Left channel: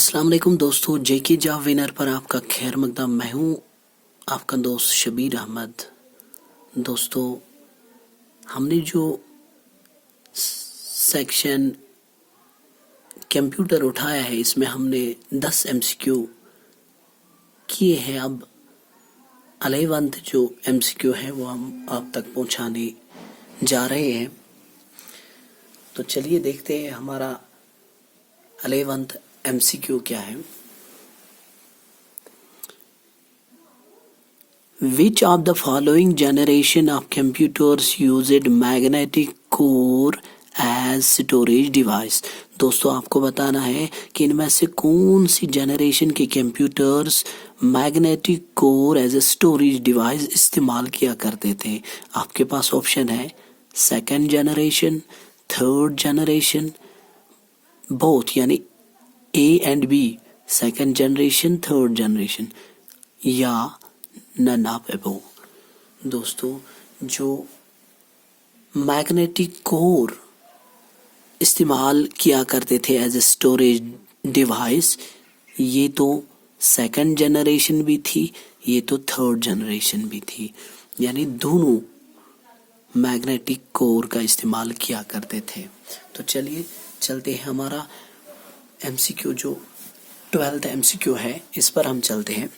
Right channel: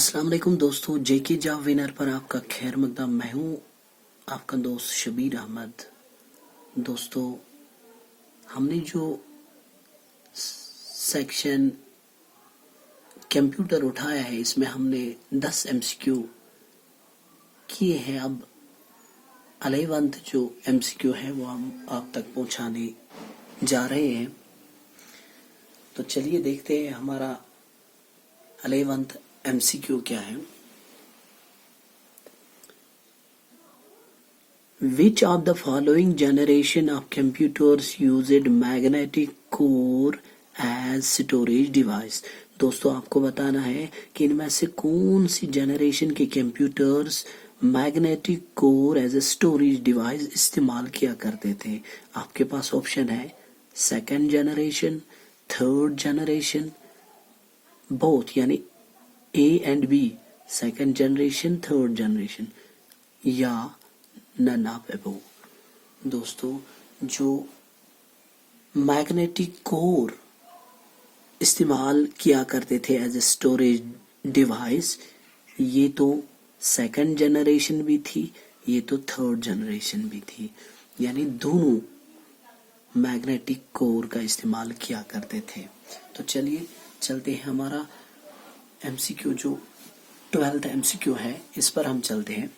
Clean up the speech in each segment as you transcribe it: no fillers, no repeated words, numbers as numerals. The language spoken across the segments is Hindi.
अस्सलाम वालेकुम दोस्तों, जेके जॉब विनर पर आपका खैर मकदम। मैं हूँ आपका दोस्त शबीर अहमद। दोस्तों, हमने जो सेक्शन कंप्यूटर उठाया है इसमें हमने 10 एमसीक्यू किए हैं। अब 11th जो एमसीक्यू है वो हम आप तक पहुँचाने जा रहे हैं। तो चलिए देखते हैं हमारा 11th एमसीक्यू क्या है। Which of the following generation of computers used magnetic core as storage device? दोस्तों, आपको बताना है कि इनमें से कौन सी जनरेशन के computers magnetic core as a storage device इस्तेमाल किया करते थे। आपके पास ऑप्शन है second generation, third generation, both यानी A and B, second generation, third generation, या नन ऑफ अबोव। दोस्तों, जो मैग्नेटिक कोर इस्तेमाल किया करते थे एज ए स्टोरेज डिवाइस, ये तो सेकंड जनरेशन भी थी, ये तो थर्ड जनरेशन भी थी, यानी दोनों मैग्नेटिक कोर का इस्तेमाल किया करते थे। तो चलिए चलते हैं हमारा एमसीक्यू जो 12th एमसीक्यू है इस पर हम चलते हैं।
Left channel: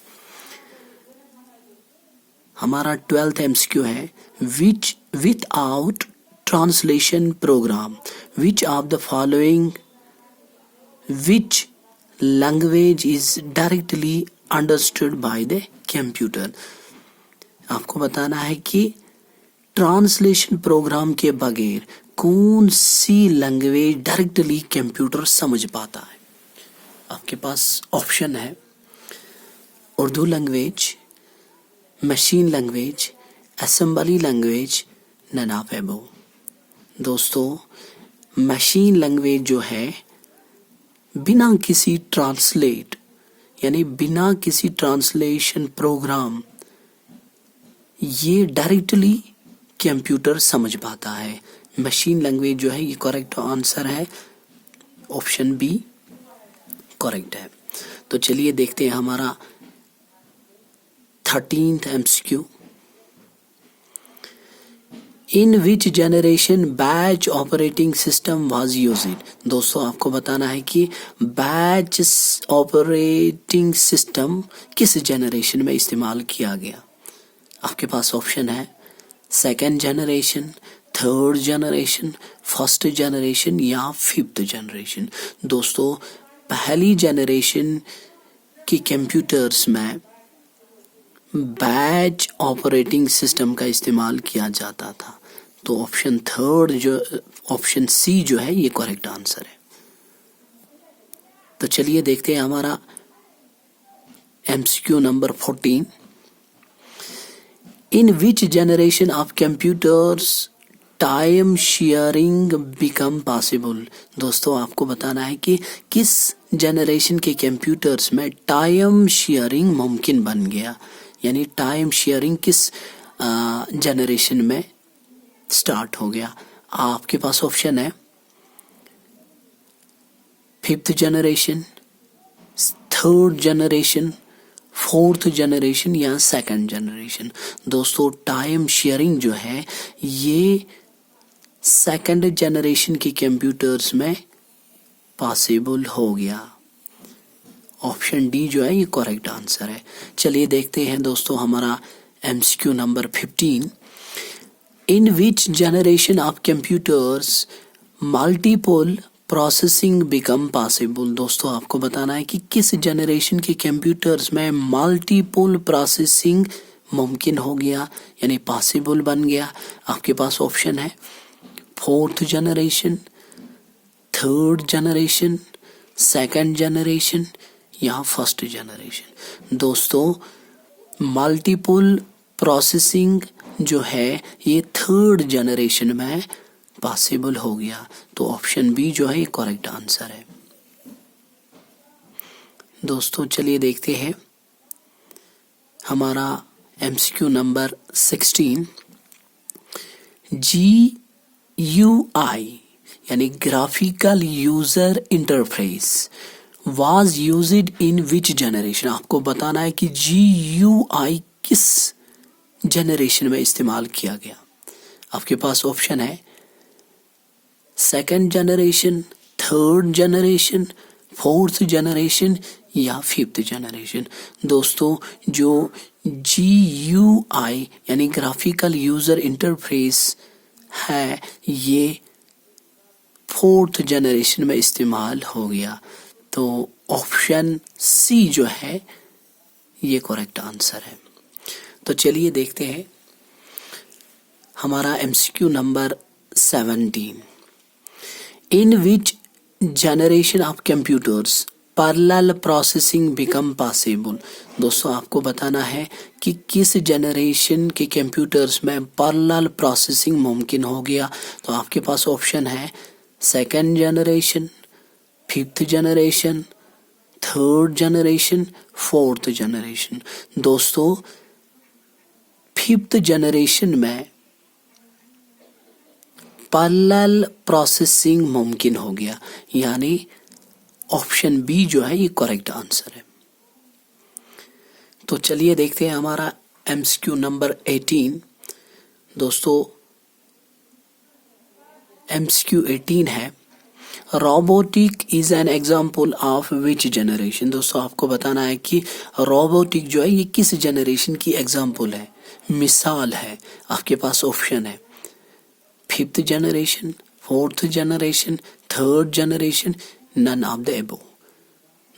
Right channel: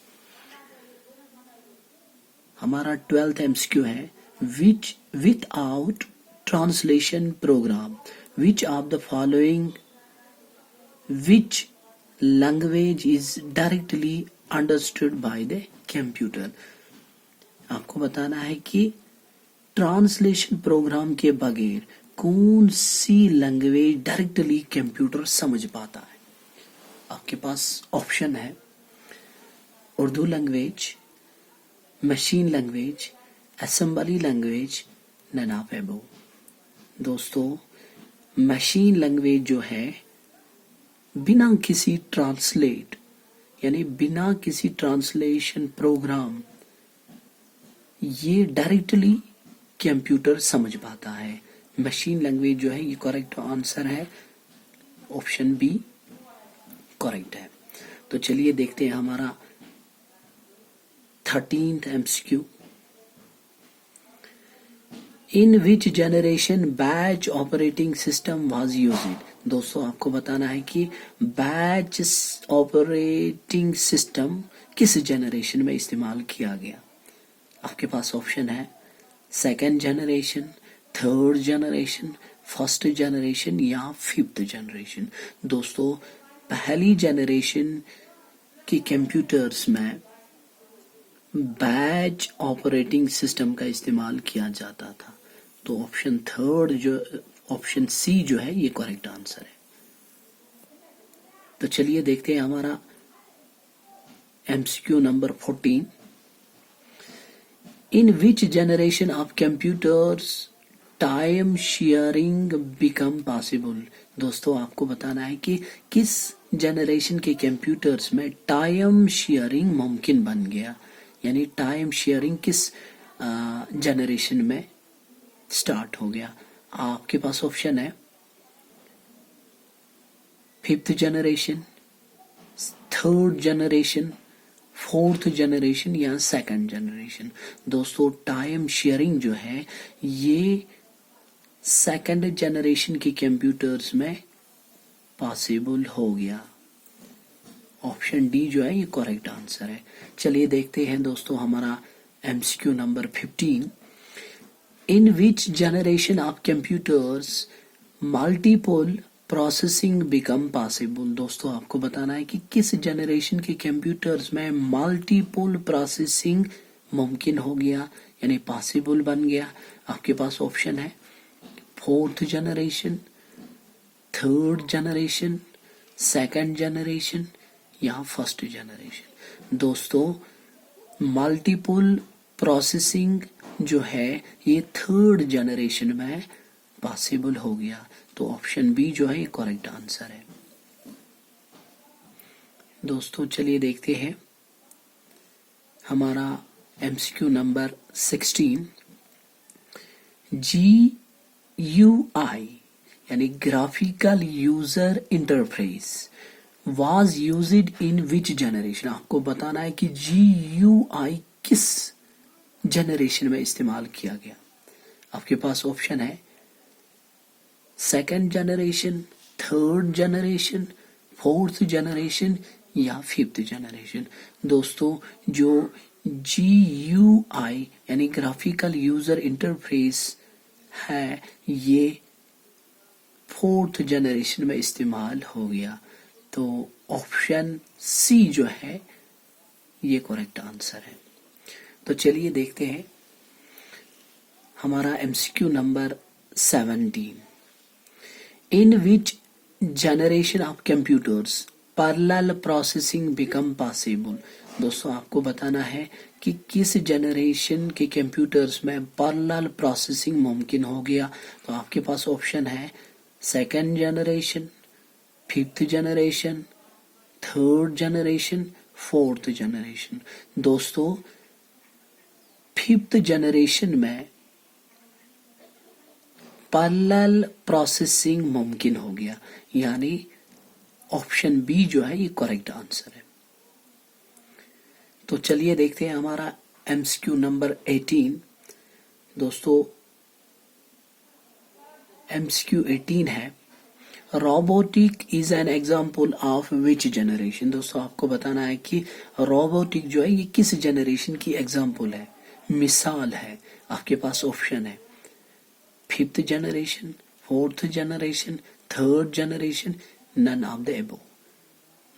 हमारा 12th एमसीक्यू है which without translation program which of the following which language is directly understood by the computer. आपको बताना है कि ट्रांसलेशन प्रोग्राम के बगैर कौन सी लैंग्वेज डायरेक्टली कंप्यूटर समझ पाता है। आपके पास ऑप्शन है Urdu language, machine language, assembly language, none of above. दोस्तों, मशीन लैंग्वेज जो है बिना किसी ट्रांसलेट यानी बिना किसी ट्रांसलेशन प्रोग्राम ये डायरेक्टली कंप्यूटर समझ पाता है। मशीन लैंग्वेज जो है ये करेक्ट आंसर है, ऑप्शन बी करेक्ट है। तो चलिए देखते हैं हमारा 13th MCQ। In which generation batch operating system was used. दोस्तों, आपको बताना है कि बैच ऑपरेटिंग सिस्टम किस जनरेशन में इस्तेमाल किया गया। आपके पास ऑप्शन है second generation, third generation, first generation या फिफ्थ जनरेशन। दोस्तों, पहली जनरेशन के कंप्यूटर्स में बैच ऑपरेटिंग सिस्टम का इस्तेमाल किया जाता था। तो ऑप्शन थर्ड जो ऑप्शन सी जो है ये करेक्ट आंसर है। तो चलिए देखते हैं हमारा MCQ number 14। In which generation of computers time sharing become possible. दोस्तों, आपको बताना है कि किस जनरेशन के कंप्यूटर्स में टाइम शेयरिंग मुमकिन बन गया, यानी टाइम शेयरिंग किस जनरेशन में स्टार्ट हो गया। आपके पास ऑप्शन है fifth generation, third generation, fourth generation या सेकंड जनरेशन। दोस्तों, टाइम शेयरिंग जो है ये सेकंड जनरेशन के कंप्यूटर्स में पॉसिबल हो गया। ऑप्शन डी जो है ये करेक्ट आंसर है। चलिए देखते हैं दोस्तों हमारा MCQ number 15। In which generation of computers multiple processing become possible. दोस्तों, आपको बताना है कि किस जनरेशन के कंप्यूटर्स में मल्टीपल प्रोसेसिंग मुमकिन हो गया, यानी पॉसिबल बन गया। आपके पास ऑप्शन है fourth generation, third generation, second generation या फर्स्ट जनरेशन। दोस्तों, मल्टीपल प्रोसेसिंग जो है ये थर्ड जनरेशन में पॉसिबल हो गया। तो ऑप्शन बी जो है ये करेक्ट आंसर है। दोस्तों, चलिए देखते हैं हमारा एमसीक्यू नंबर 16। GUI यानी graphical user interface was used in which generation। आपको बताना है कि GUI किस जनरेशन में इस्तेमाल किया गया। आपके पास ऑप्शन है second generation, third generation, fourth generation या फिफ्थ जनरेशन। दोस्तों जो GUI यानी ग्राफिकल यूजर इंटरफेस है ये फोर्थ जनरेशन में इस्तेमाल हो गया। तो ऑप्शन सी जो है ये करेक्ट आंसर है। तो चलिए देखते हैं हमारा MCQ number 17। In which generation of computers parallel processing become possible. दोस्तों आपको बताना है कि किस जनरेशन के कंप्यूटर्स में पैरेलल प्रोसेसिंग मुमकिन हो गया। तो आपके पास ऑप्शन है second generation, fifth generation, third generation, fourth generation. दोस्तों फिफ्थ जनरेशन में पैरेलल प्रोसेसिंग मुमकिन हो गया, यानी ऑप्शन बी जो है ये करेक्ट आंसर है। तो चलिए देखते हैं हमारा MCQ नंबर 18। दोस्तों MCQ 18 है robotic is an example of which generation. दोस्तों आपको बताना है कि रोबोटिक जो है ये किस जनरेशन की एग्जाम्पल है, मिसाल है। आपके पास ऑप्शन है fifth generation, fourth generation, third generation, none of the above.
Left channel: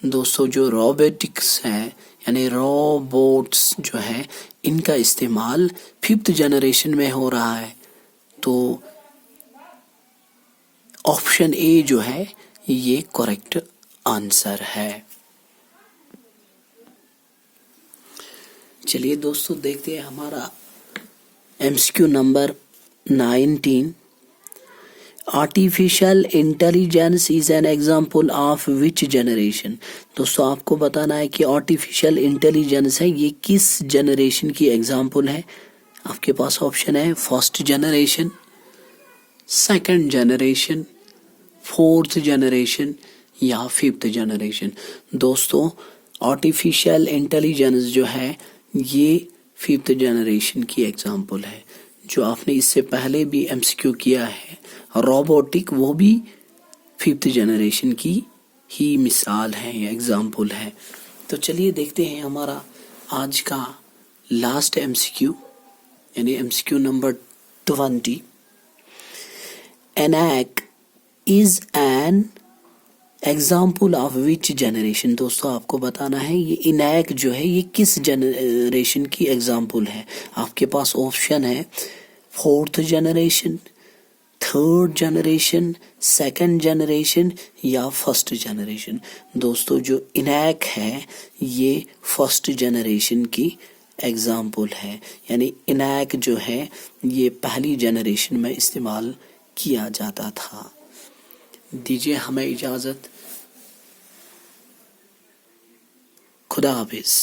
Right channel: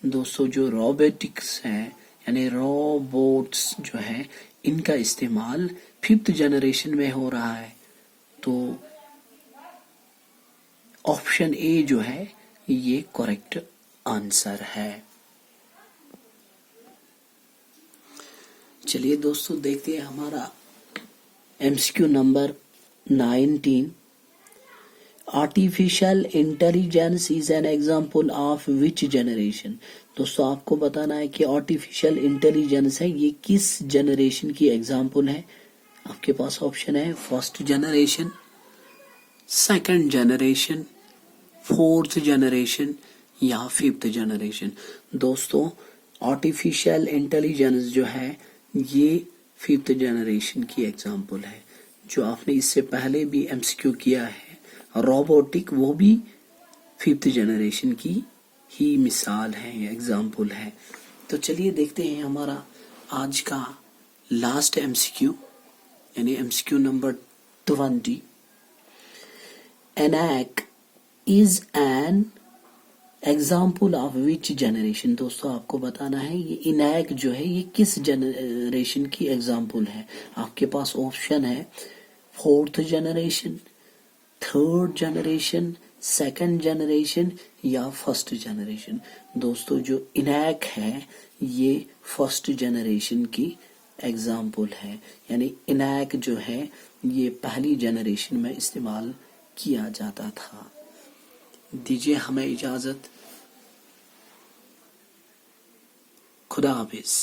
दोस्तों जो रोबोटिक्स है यानी रोबोट्स जो है इनका इस्तेमाल फिफ्थ जनरेशन में हो रहा है। तो ऑप्शन ए जो है ये करेक्ट आंसर है। चलिए दोस्तों देखते हैं हमारा MCQ number 19। Artificial intelligence is an example of which generation. दोस्तों आपको बताना है कि आर्टिफिशियल इंटेलिजेंस है ये किस जनरेशन की एग्जाम्पल है। आपके पास ऑप्शन है first generation, second generation, fourth generation या फिफ्थ जनरेशन। दोस्तों आर्टिफिशियल इंटेलिजेंस जो है ये फिफ्थ जनरेशन की एग्जाम्पल है। जो आपने इससे पहले भी MCQ किया है रोबोटिक, वो भी फिफ्थ जनरेशन की ही मिसाल है या एग्जाम्पल है। तो चलिए देखते हैं हमारा आज का लास्ट MCQ यानी MCQ number 20। ENAC is an example of which generation. दोस्तों आपको बताना है ये ENAC जो है ये किस जनरेशन की एग्जाम्पल है। आपके पास ऑप्शन है fourth generation, third generation, second generation या फर्स्ट जनरेशन। दोस्तों जो ENAC है ये फर्स्ट जनरेशन की एग्जाम्पल है, यानी ENAC जो है ये पहली जनरेशन में इस्तेमाल किया जाता था। दीजिए हमें इजाज़त। खुदा हाफिज।